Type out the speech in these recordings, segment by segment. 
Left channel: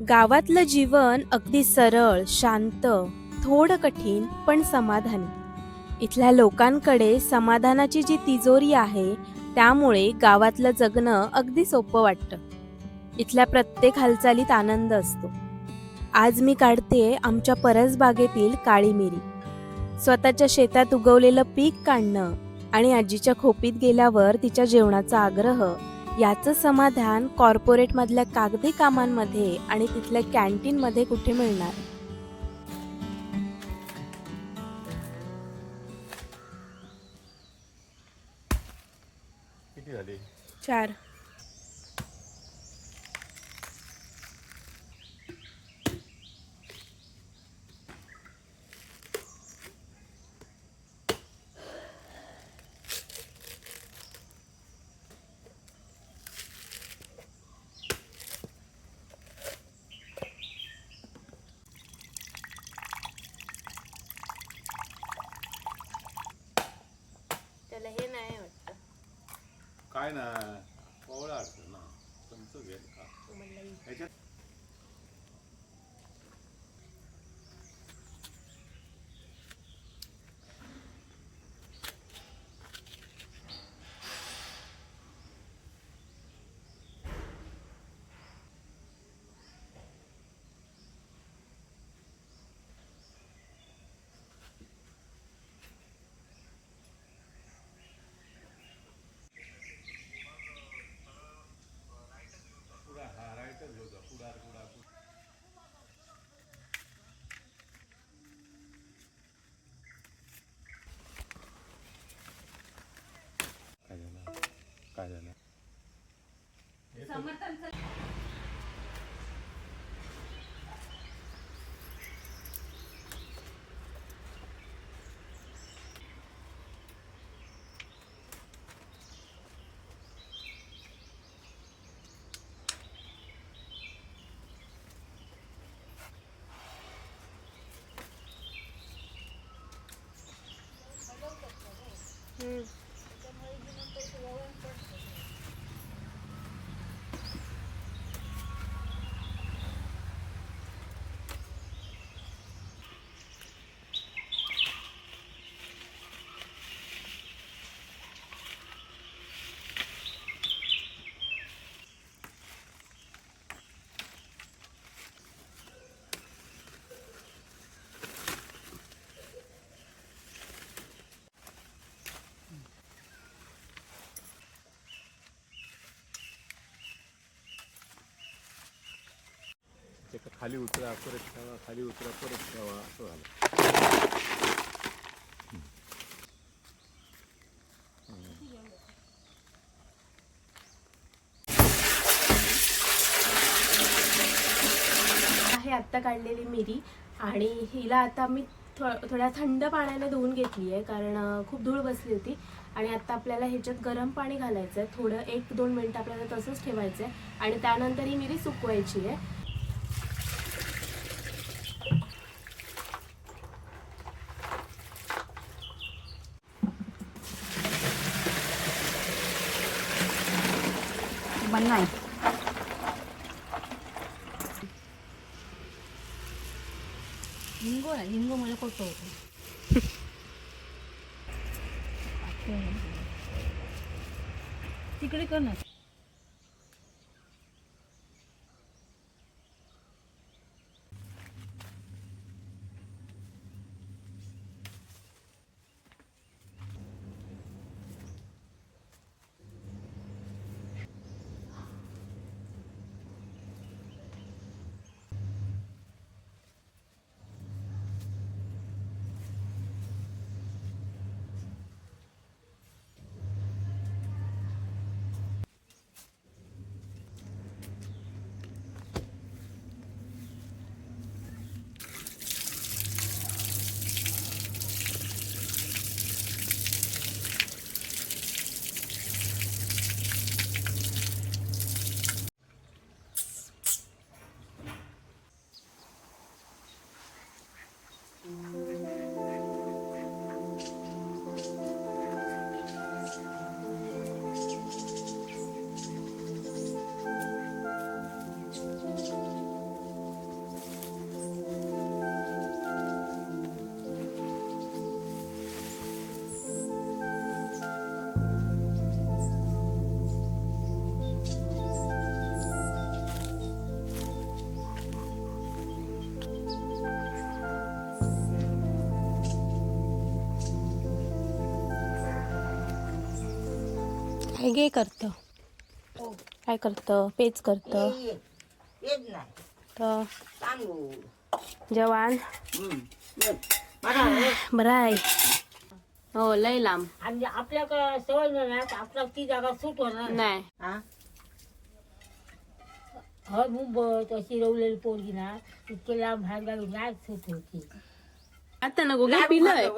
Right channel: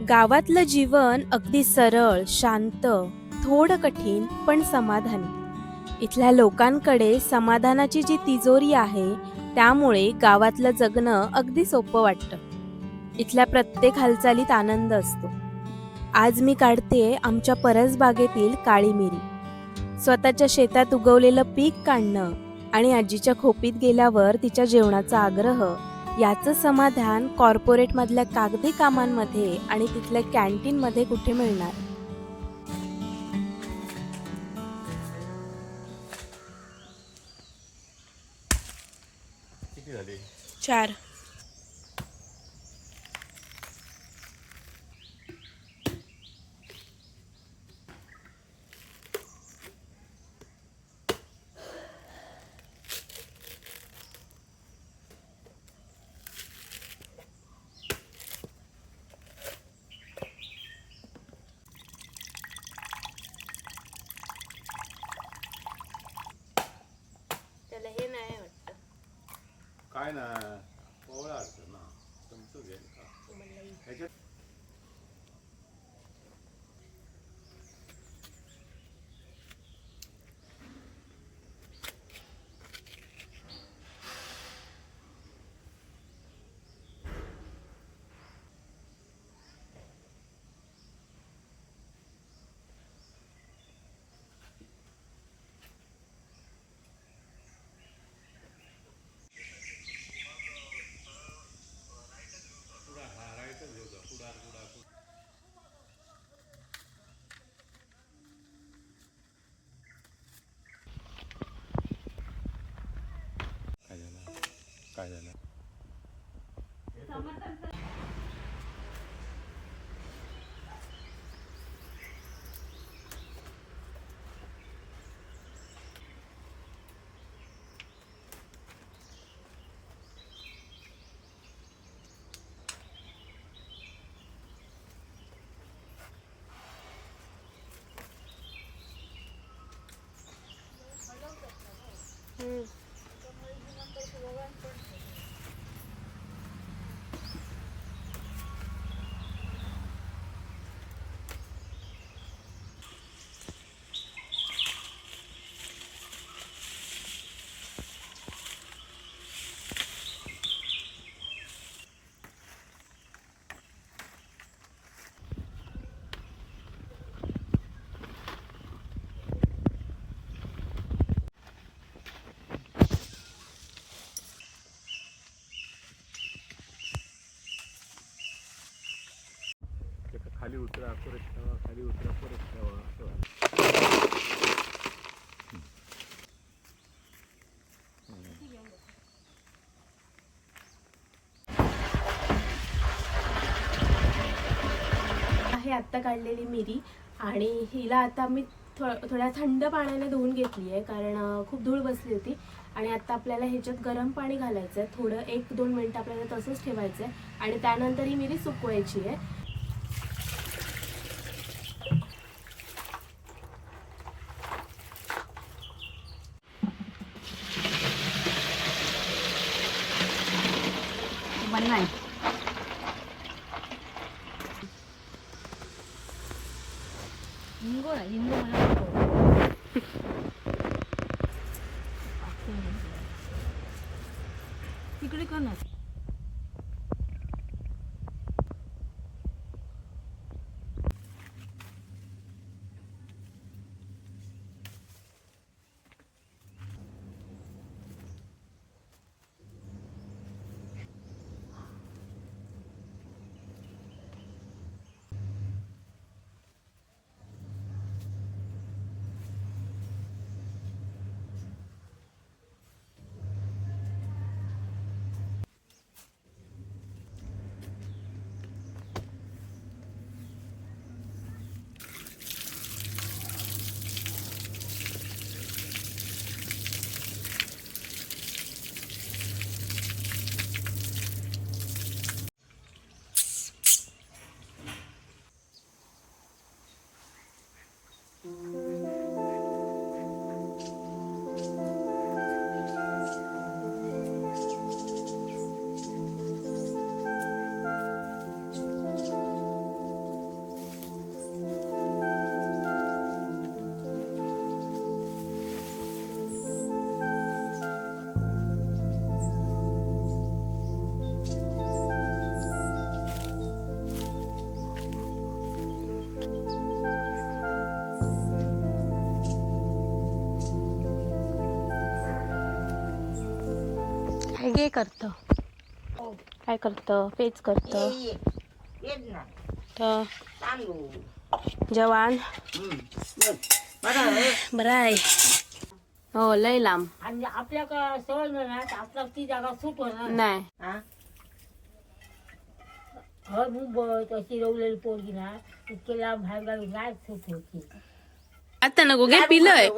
गावातलं जीवन अगदी सरळ, शांत, थोडं कठीण पण समाधानी. इथल्या लोकांकडे समाधानाची जी तिजोरी आहे, त्यामुळे गावातलं जगणं अगदी सोपं वाटतं. इथल्या प्रत्येक हालचालीत आनंद असतो. आज मी काढतेय आमच्या परसबागेतील काळी मिरी. स्वतःच्या शेतात उगवलेलं पीक काढणं आणि आजीच्या खोपीत गेल्यावर तिच्या जेवणाचा आग्रह, याचं समाधान कॉर्पोरेटमधल्या कागदी कामांमध्ये आणि तिथल्या कॅन्टीनमध्ये कुठे मिळणार. किती झाले? 4. त्याला हे नाही वाटतं. काय ना कोवळा असतो ना तुमचं घेत का ह्याच्यात. काय झालं? काय झालं? खाली उतरा परत ठेवा, खाली उतरा परत ठेवा, असं झालं. आहे आत्ता काढलेली मिरी आणि हिला आता मी थोड्या थंड पाण्याने धुवून घेतली आहे, कारण खूप धूळ बसली होती. आणि आता आपल्याला ह्याच्यात गरम पाणी घालायचं आहे. थोडं 1-2 मिनटं आपल्याला तसंच ठेवायचं आहे आणि त्यानंतर ही मिरी सुकवायची आहे. नाही हिंगो मला तिकडे कर ना. घे करतं काय करतं पेच करतं येत ना तर तांदूळ जवान बरं आहे हो लय लांब आणि आपल्याकडे सवय नाही आपला ती जागा सूट होणार नाही हर मुंबईत अशी रवलेली पोरगी ना इतके लांब बाहेर गावी नाही सूट होती आता नको घे पिलंय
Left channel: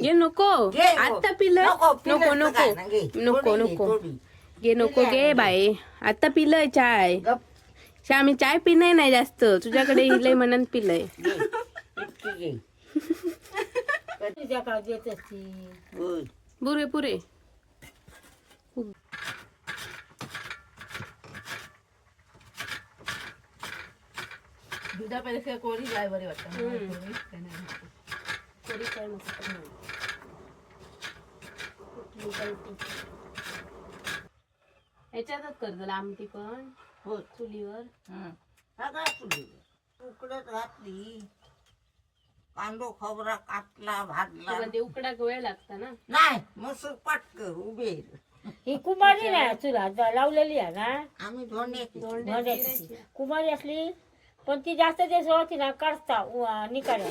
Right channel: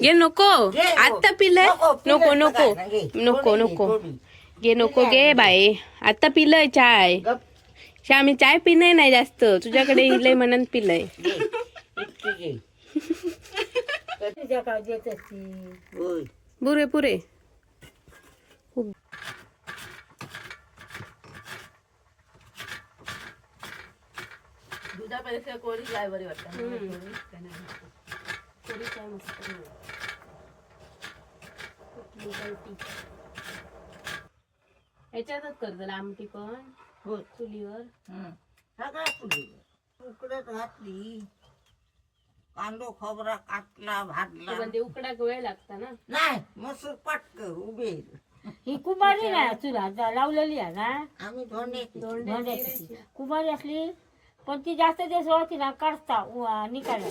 घे नको आता पिलंय नको नको नको नको घे नको घे बाई आता पिलंय चाय आम्ही चाय पिणं नाही जास्त तुझ्याकडे हिलय म्हणून पिलंय इतकी घे तुझ्या काळ देत असती पुरे पुरे दुधापेक्षा कोणी काय बरी वाटत ह्याच्यातच करतो आमटी पण हो चुलीवर सगळ्या चुलीवर उकडत घातली कांदो खोबरा काटला भाजला म्हणजे उकडाक वेळ लागता ना नाही मसूर पटक उभे ही कुमारी नाही चुला लावलेली आहे ना आम्ही धोंड्याची कुमारी असली पण ती जास्त दिवस होती ना काढता निकाल्या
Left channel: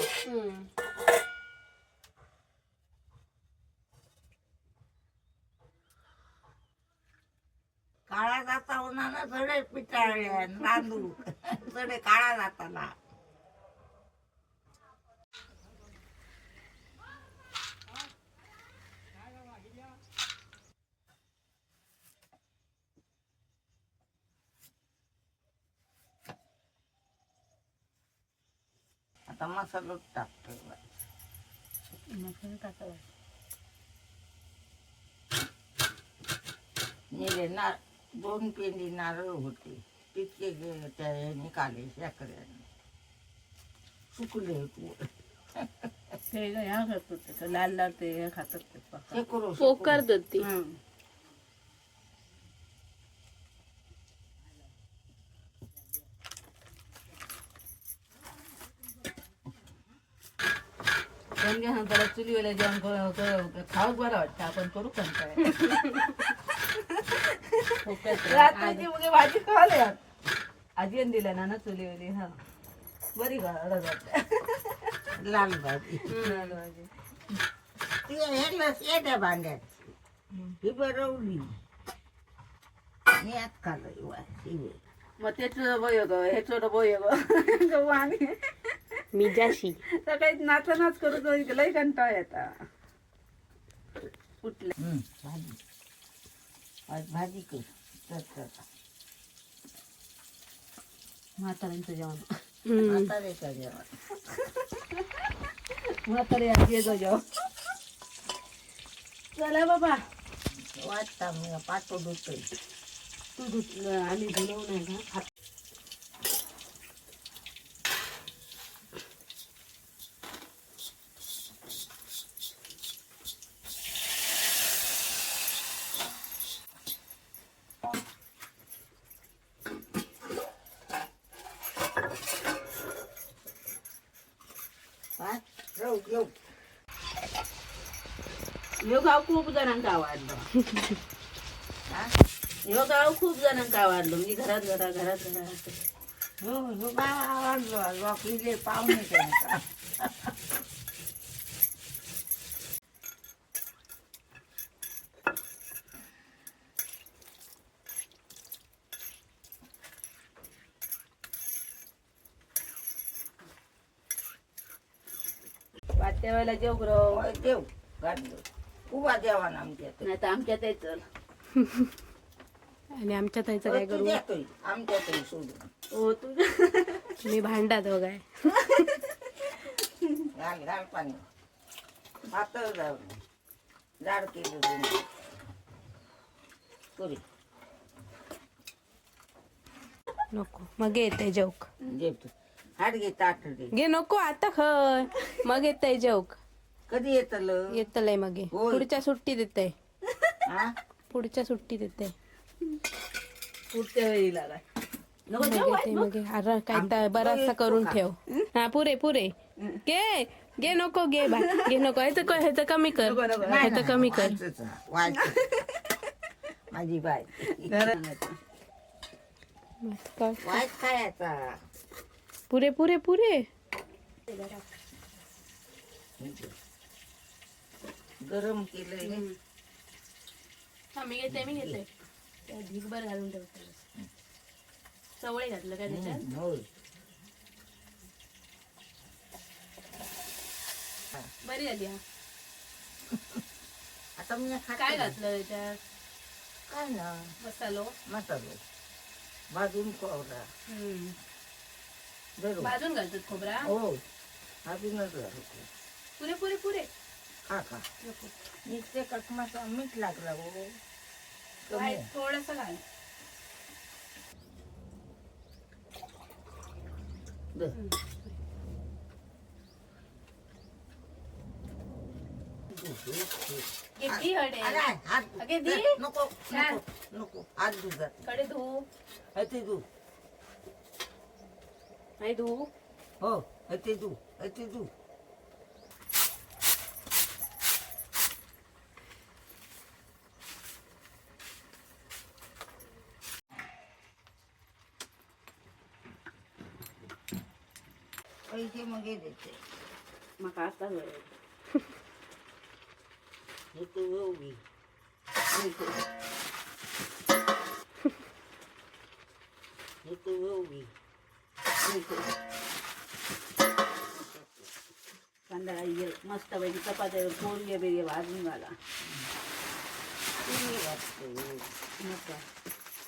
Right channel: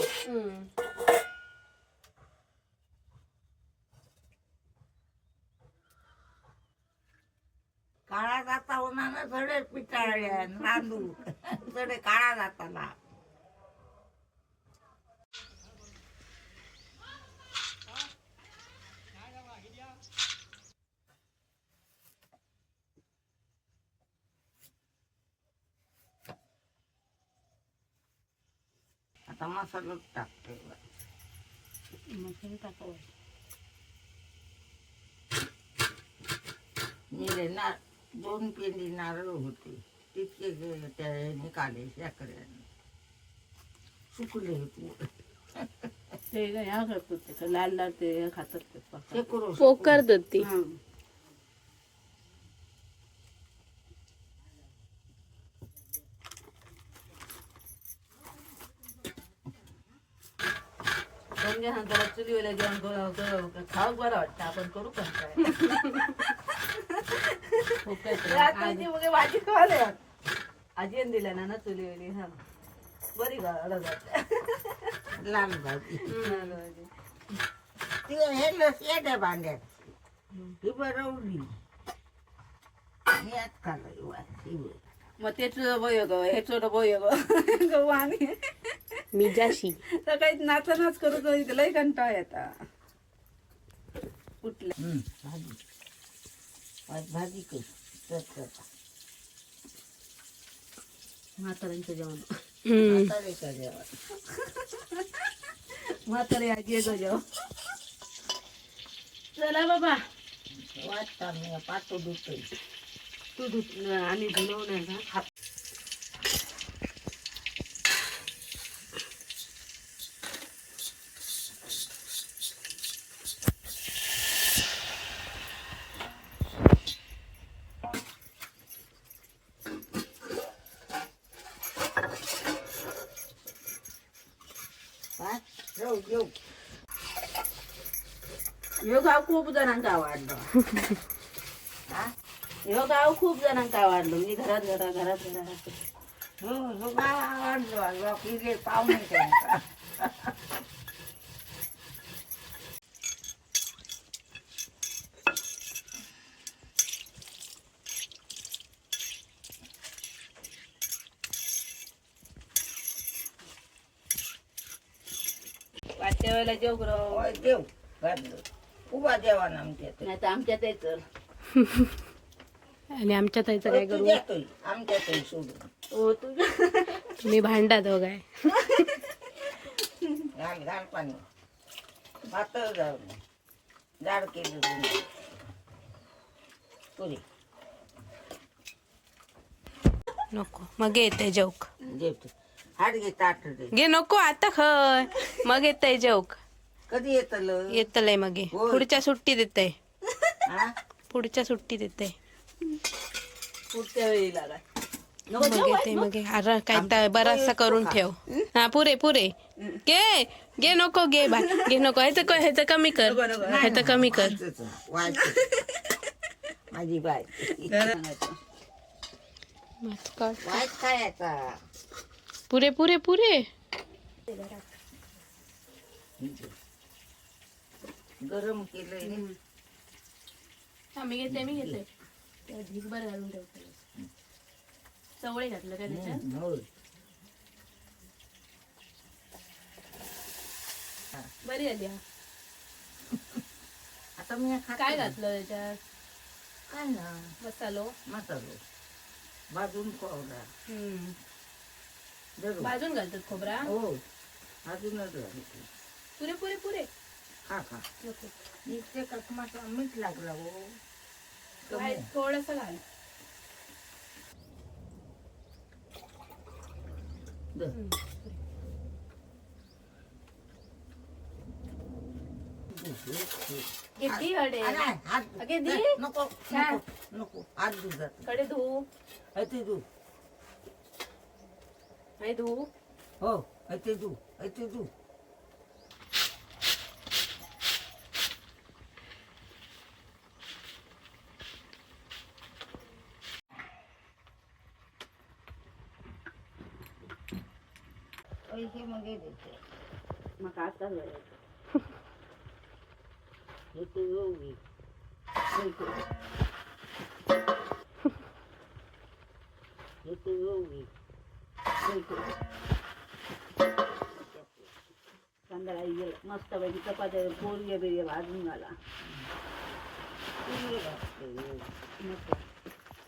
काळा जाता होणार ना थोडे पिटाळले नांदू थोडे काळा जाताना आता मसाला टाकतो मसाला टाकायचा निरे ना 2 पेंडी नारळ होते तितके त्याने काढले शेकड्याने सुकले होते ते ह्या करतो लाल लाल ते खातात पोकर देते चुलीवर जेवण खाऊ बरं वाटतं आपण करू पण रात्रीची मग भाजी खावायला वाटत आजीन दिल्या ना चुलीवली हा बरी लाल भाजी ती शेट्या भांड्यात ही बरवली यात खाल्लं मग तेच बोय ग हे छोटं बोय गहू आणि मी जाशी सकाळी नाच करू लय कंटाळ येता कुठलं भाजी कर म्हाताऱ्यांचं जेवण म्हाताऱ्याचं जेवण म्हातारे आजी जेवण चला बाबा वाटता मी पातो धुतोय तू धुत आणि धुलवणार ना ह्यो गाव खूप जणांका आवडलं ह्यो गाव खूप जणांका आवडलं म्हणजे घरात ह्यो गाव आवडलं लोक पाहुणे त्यांचा वाटच्या वेळेला जेव देव घातलं उभा जेवण आमच्यात नाही तर आमच्यात चल आणि आमच्या ताईचं काय करू आमच्यात सोडून हो तुझ्या मी भांडात बघाय घाल पाणी पातळ जाऊ जाड केलं पुरी नको मग येते जोक जेवतो हाड घे ताट घे नको आता खय मग येते जोक कधी येतलं येतलंय मग ये. होय. पुढच्या सुट्टीत येते हा पुढच्या सुट्टीत येते पुढच्या वेळी लागा मग येते मग ये. अरे काय तर बराचसा करून ठेव हा पुरे पुरे घे घे नको घे बाय घे नको ह्याचं कमी कर ह्याचं कमी कर माझी बाय वाईट खायचा पुरे पुरे पुरे गरम केलंय मी घेते ढीकभर घालून ठेवते चवळे घातलं काय त्याच्यात होय बरी झाली हा आता मी खात काय घातलं त्याच्यात काय ना मसालो मसालो भाजून खोबरा जरूर भाजून घालतात खोबरा हो भाजूनच घालतो पुरे पुरे पुरे खा खा नको नुसते ककमाचा मीठ लागला हो कमी थोडस घाल दे. किती हडे अरे, हात अगे दी. नको छान. नको नको हात दुधात कडे धू ते धू नाही धू हो ते धू ते धू पैसे मग द्यायचे मग आता हे तू एवढी हे तू एवढी संध्याकाळी मस्त पैकी चपात्या पोरगे बिरगे भाजून घाला तुम्ही वाटतं